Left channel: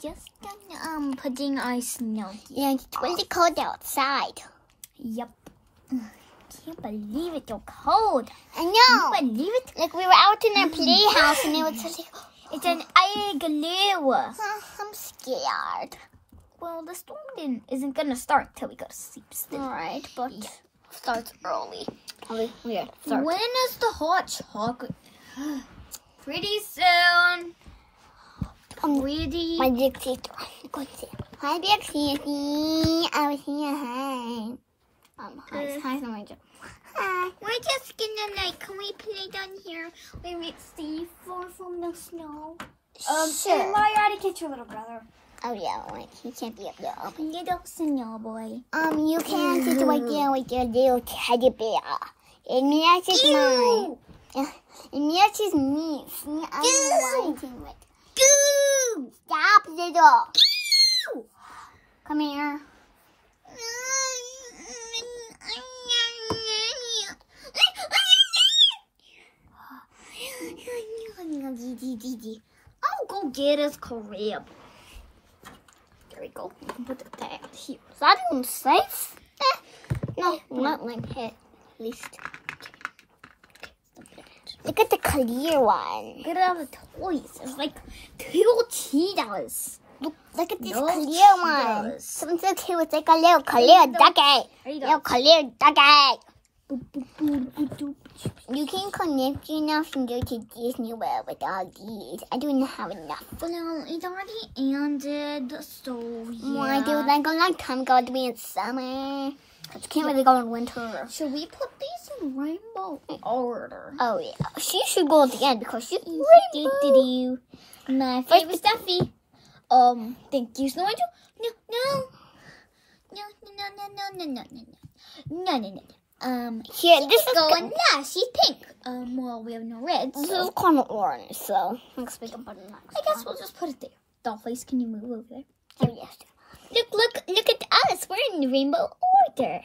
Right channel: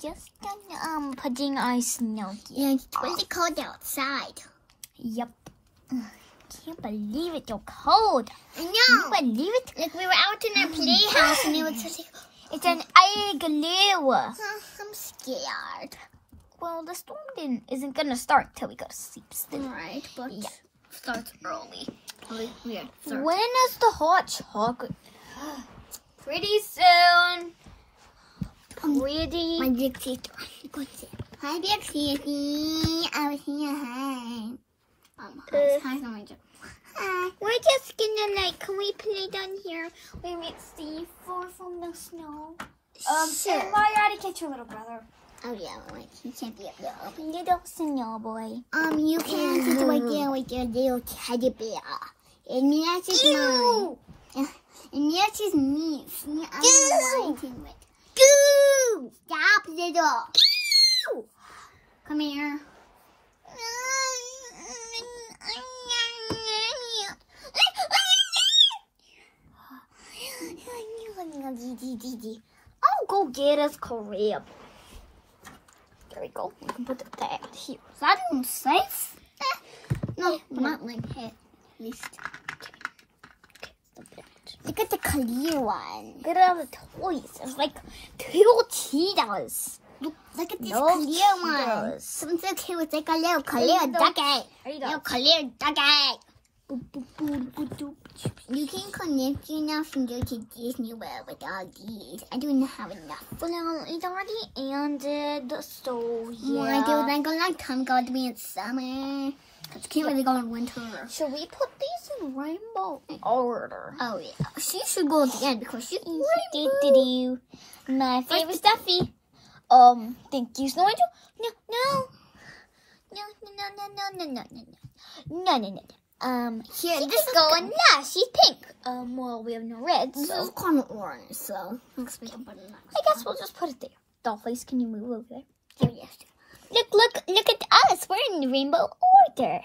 just putting our snuggie. Yeah, it's really cold outside. Yep. Can't believe it, you're cold. I know. Can you believe it? Like we were out in our playhouse and it was just like, it's an igloo. I'm scared. Well, the storm isn't gonna start till we go to sleep still. Alright, but Yeah. starts early. Yeah. Start. When is the hot chocolate? Pretty soon. Pretty. My big sister. Hi, big sister. I was here. Hi. Hi, Samantha. We're just gonna can we play down here where it's safe from the snow? Sure. And why gotta catch your little brother? Oh yeah, wait, he can't be up there. Little snow boy. You can sit right there with your little teddy bear. And matches mine. And matches me. See, I'm lighting it. Goo! Stop, little. Come here. I'll go get us crib. There we go. We can put the bag here. Is that even safe? No, not like it. At least. Look at the clear one. Get all the toys. It's like 2 Cheetos. Look at this No clear one. Cheetos. Something so cute. It's like a little clear ducky. Little clear ducky. You can connect enough and go to Disney World with all these. I don't have enough. Well, it already ended, so yeah. Well, I do like a long time ago to be in summer. I can't really go in winter. Should we put these in rainbow order? Oh yeah, she should go at the end because she's Rainbow. My favorite stuffy. Thank you, Snowy. No. Here, this is going. Yeah, she's pink. Well, we have no red. This So is kind of orange, so let's make a button. I guess we'll just put it there. Dollface, can you move over there? Oh yes. Look at us. We're in the rainbow order.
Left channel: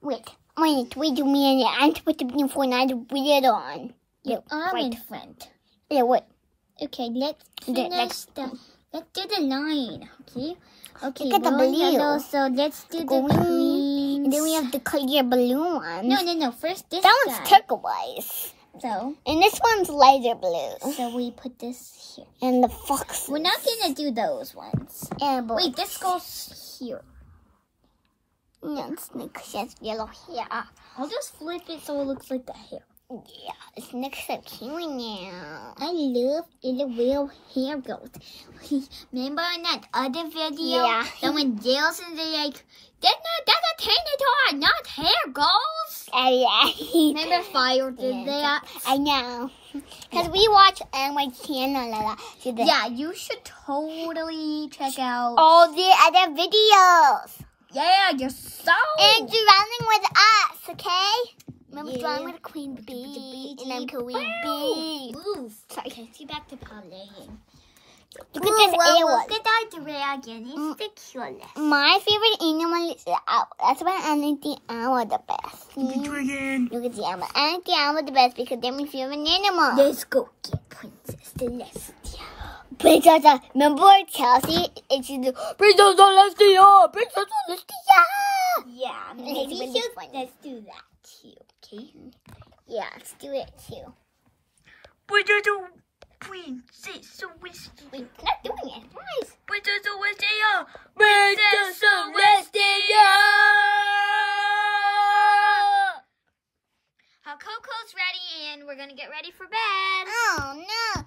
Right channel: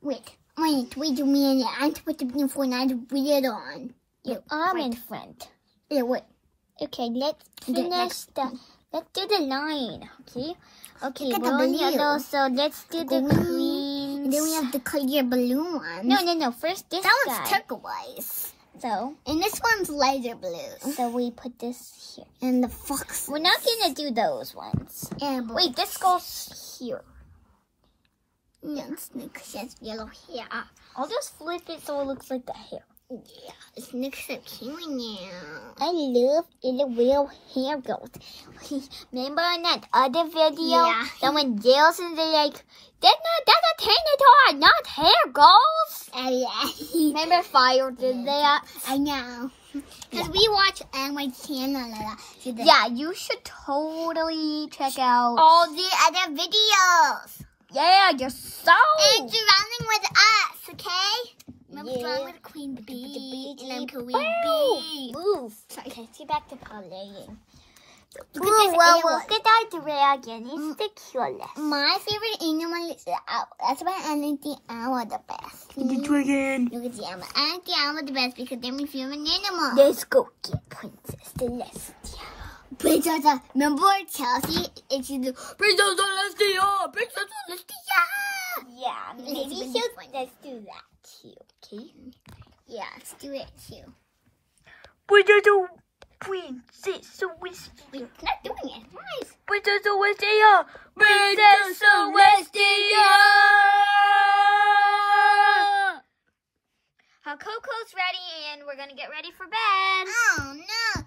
Wait, do me and I to put the beautiful and I to put it on. Yeah, I'm in front. Yeah, what? Okay, let's do the line. Okay, Look at the blue and blue. yellow, so let's do the green. green. And then we have the clear balloon one. No. First this That one's side. turquoise. So And this one's lighter blue. So we put this here. And the fox. We're not gonna do those ones. Yeah, but Wait, this goes here. yeah, Snake has yellow hair. I'll just flip it so it looks like the hair. Yeah, Snake's so cute now. I love the real hair goat. Remember in that other video? Yeah. Someone yells and they're like, that's a Tinator, not hair goals. Oh yeah. Remember Fire did Yeah. that? I know. Because we watch my channel a lot. Yeah, you should totally check out All the other videos. Yeah, you're so And you're running with us, okay? Remember Yeah. running with Queen Bee And I'm Queen Bee. Bee. Move. Okay, let's get back to playing. Look at this Well, air look at that dragon. It's the cutest. My favorite animal is the owl. That's why I think the owl the best. The dragon. Look at the owl. I think the owl the best because they're my favorite animal. Let's go get Princess Celestia. Princess, remember Chelsea? And she's the Princess Celestia! Princess Celestia! Yeah, maybe let's do that too, okay? Yeah, let's do it too. Princess Celestia. We're not doing it. Nice. Princess Celestia. Princess Celestia. Coco's ready and we're gonna get ready for bed. Oh no.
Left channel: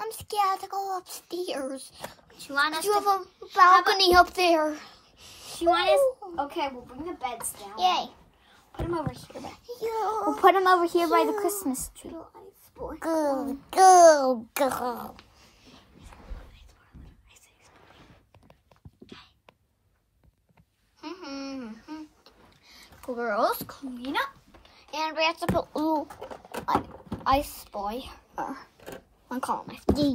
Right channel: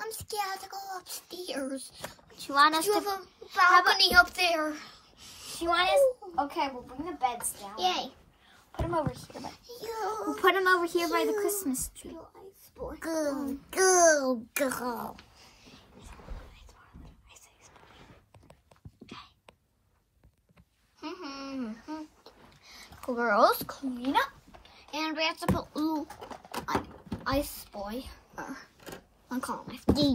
I'm scared to go upstairs. Do you want us You to have a balcony up there. Do you want us? Okay, we'll bring the beds down. Yay. Put them over here. Yeah. We'll put them over here by the Christmas tree. Go, go, go. Girls, clean up. And we have to put Ice Boy. I call him He's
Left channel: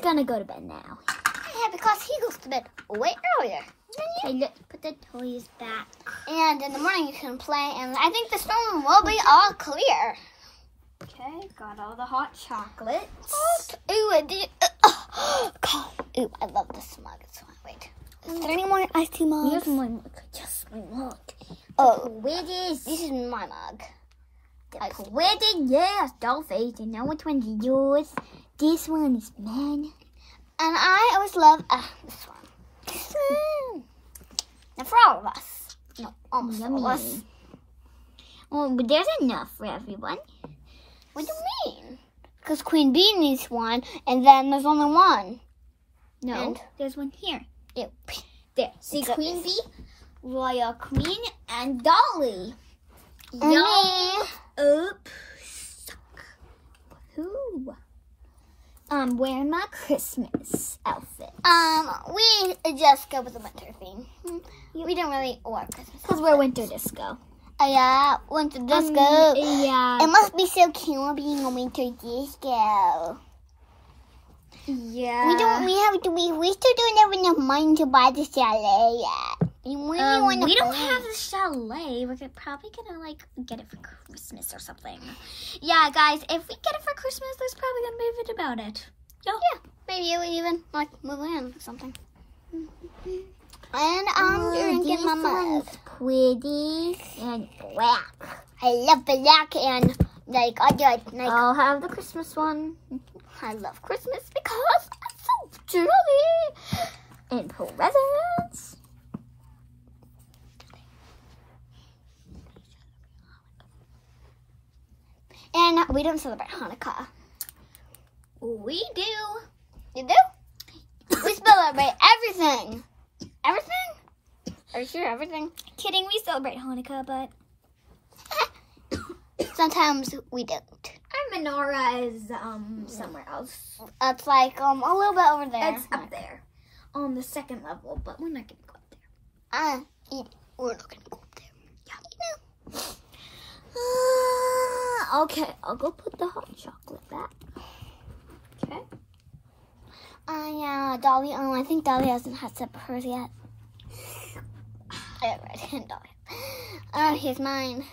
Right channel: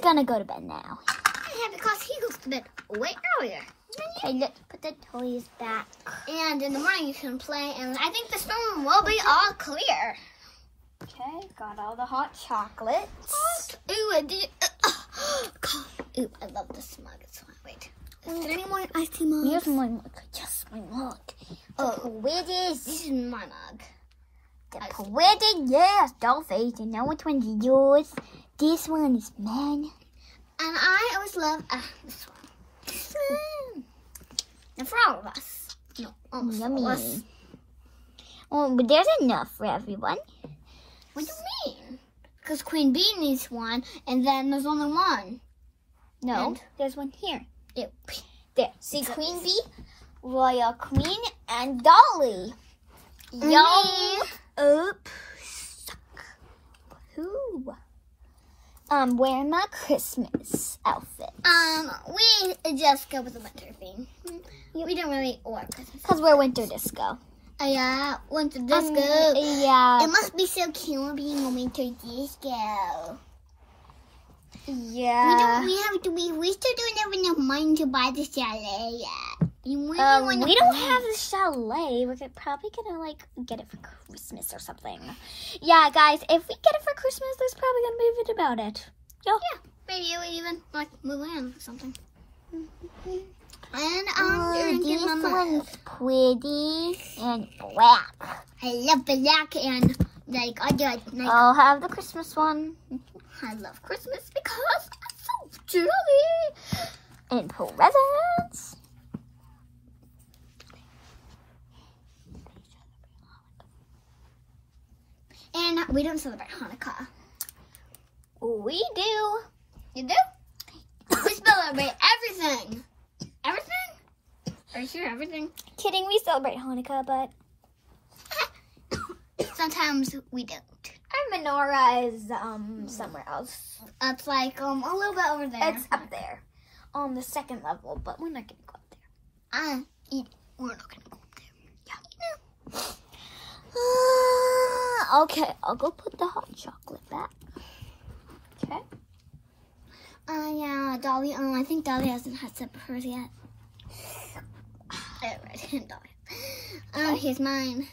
gonna go to bed now. Yeah, because he goes to bed way earlier. Okay, let's put the toys back. And in the morning you can play, and I think the storm will be all clear. Okay, got all the hot chocolates. Ooh, I did. Ooh, I love this mug. It's fine. Wait. Is there any more iced tea mugs? Here's my mug. Yes, my mug. Oh, Quidditch. this is my mug. Quidditch, yes. Dolphin. You know which one's yours? This one is mine. And I always love this one. And for all of us. No, almost all of us. Yummy. Oh, but there's enough for everyone. What do you mean? Because Queen Bee needs one, and then there's only one. No, And there's one here. There. See, Got Queen this. Bee, Royal Queen, and Dolly. And Yum. me. Oops. Who? Wearing my Christmas outfit. We just go with the winter theme. We didn't really want Christmas. Because we're winter disco. Oh yeah, winter disco. Yeah. It must be so cute being a winter disco. Yeah. We still don't have enough money to buy the chalet yet. we don't have a chalet. We're probably gonna like get it for Christmas or something. Yeah, guys, if we get it for Christmas, there's probably gonna be a video about it. Yeah, maybe we even like move in or something. And I'm drinking my mug. Pretty and black. I love black and like I got like I'll have the Christmas one. I love Christmas because it's so jolly. And presents. And we don't celebrate Hanukkah. We do. You do? We celebrate everything. Everything? Are you sure everything? Kidding, we celebrate Hanukkah, but Sometimes we don't. our menorah is somewhere else. It's like a little bit over there. It's up there on the second level, but we're not gonna go up there. We're not gonna go up there. Okay, I'll go put the hot chocolate back. Okay. Yeah, Dolly. I think Dolly hasn't had sip of hers yet. Dolly. Here's mine.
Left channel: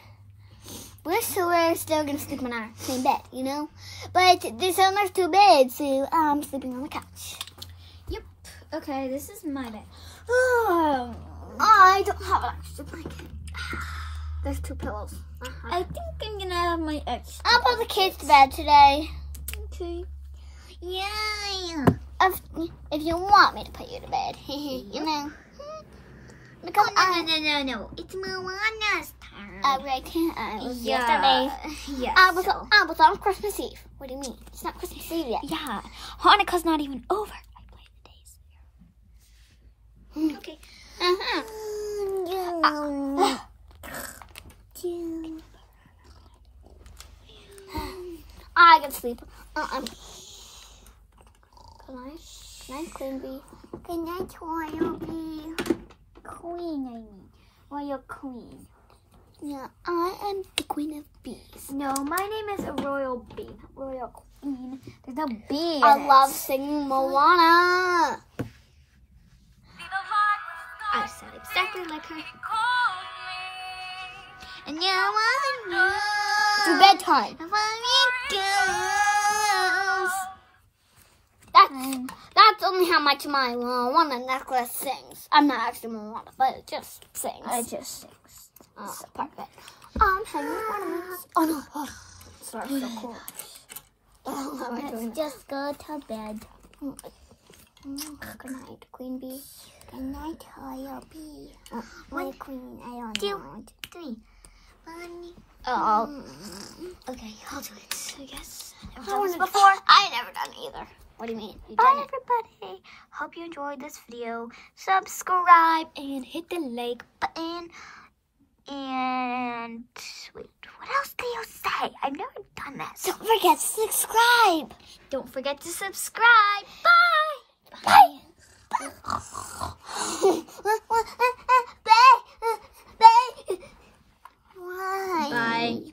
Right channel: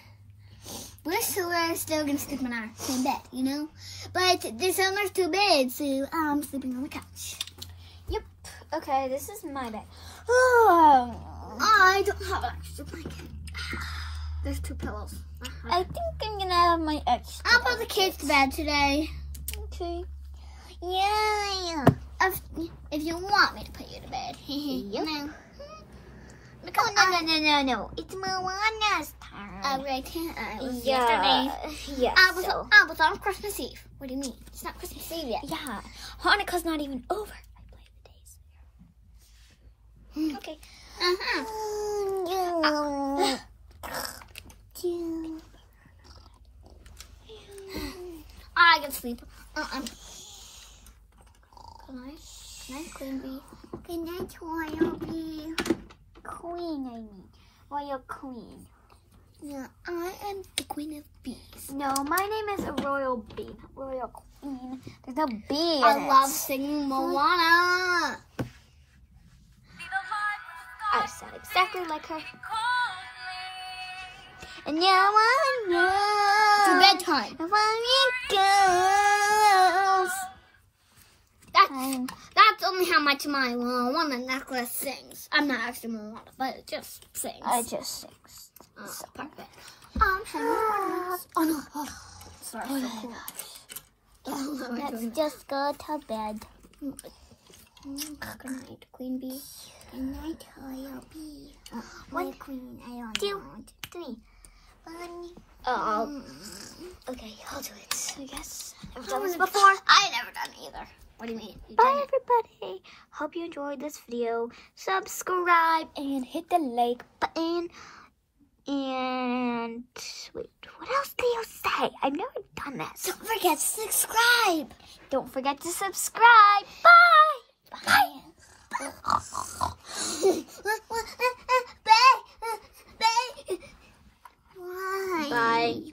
We're still gonna sleep in our same bed, you know. But there's only 2 beds, so I'm sleeping on the couch. Yep. Okay, this is my bed. I don't have an extra blanket. There's 2 pillows. I think I'm gonna have my extra. I'll put the kids to bed today. Okay. Yeah. If you want me to put you to bed. You know. No. It's Moana's turn. Right. Yeah. Yeah. I was on Christmas Eve. What do you mean? It's not Christmas Eve yet. Yeah. Hanukkah's not even over. I play the days. Okay. I can sleep. Good night. Good night, Queen Bee. Good night, Royal Bee. Queen, I mean. Royal Queen. Yeah, I am the Queen of Bees. No, my name is Royal Bee. Royal Queen. There's no bee in I it. love singing Moana. I sound exactly like her. And now I know. It's bedtime. That's only how much my Moana necklace sings. I'm not actually Moana, but it just sings. I just sing. Oh, perfect. Oh no. Oh. Sorry. Let's just go to bed. Good night, Queen Bee. Good night, Royal Bee. One, Queen, I don't 2, know. 3. 1. Oh. Okay, I'll do it. I guess. I've done this before. I never done it either. What do you mean? Bye, everybody. Hope you enjoyed this video. Subscribe and hit the like button. And wait, what else do you say? I've never done this. Don't forget to subscribe. Don't forget to subscribe. Bye. Bye. Bye. Bye. Bye.